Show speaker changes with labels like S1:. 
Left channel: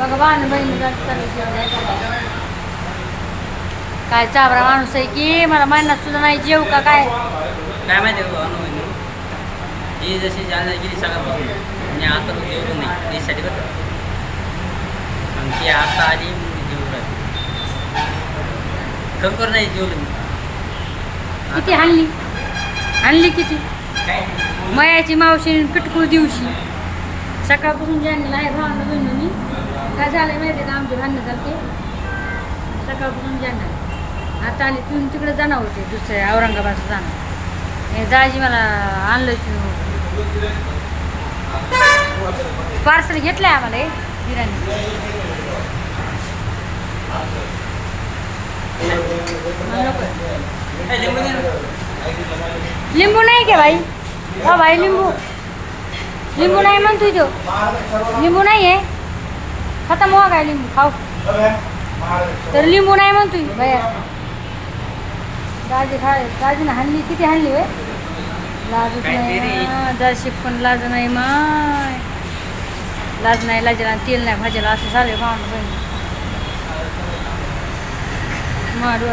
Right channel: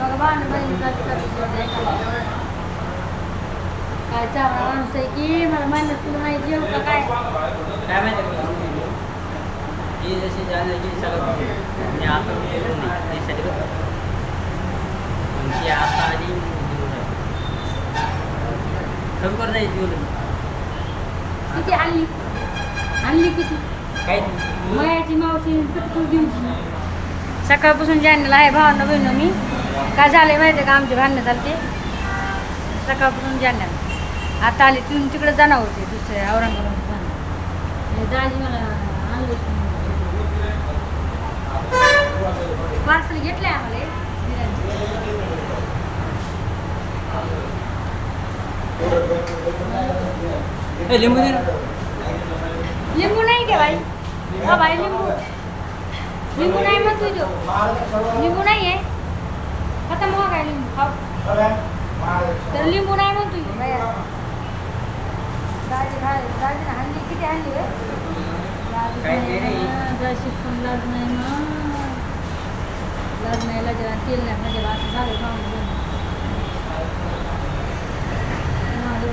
S1: बघा काय चाबरा माणूस आहे की? मला महिन्यात सुद्धा नाही जेव का काय?
S2: काय माहिती आहे अनुभव ही जशी जाणण्यात गेली सगळ्यापासून मी आता जेवलो नाही यासाठी का? मग ती आता आली जेवू राहिली. खरोखर नाही जेवलो मी.
S1: किती आणली? आणली किती?
S2: काय?
S1: मयाची मावशी पिटकूळ दिवशी. सकाळपासून जाणलेला आहे भावांना बहिण मी काय झालंय माहिती आहे का? आमचे भांडणं चालते सकाळपासून जाणण्याला आता आले तिथून तिकडे जाणार होते दुसऱ्या औरंगाबादला जाणार. हे दाजी मला आणलं पार्सल घेतलंय आम्हाला हे बिर्याणी.
S2: ए, लिंबू.
S1: लिंबू नाही घे भाई हा भाई लिंबू. लिंबू नाही म्हणतोय तो. लिंबू नाही आहे खतम हो काय लिंबू? खाऊ. तर लिंबू नाही म्हणतोय भैया दाजी खाय दाजीने हाणली किती हाणली वे
S2: रे?
S1: दाजी पण लाज नाही माय. लाज नाही लाजेला तेल नाही भाजीला असं झाले भावना बहीण. माडू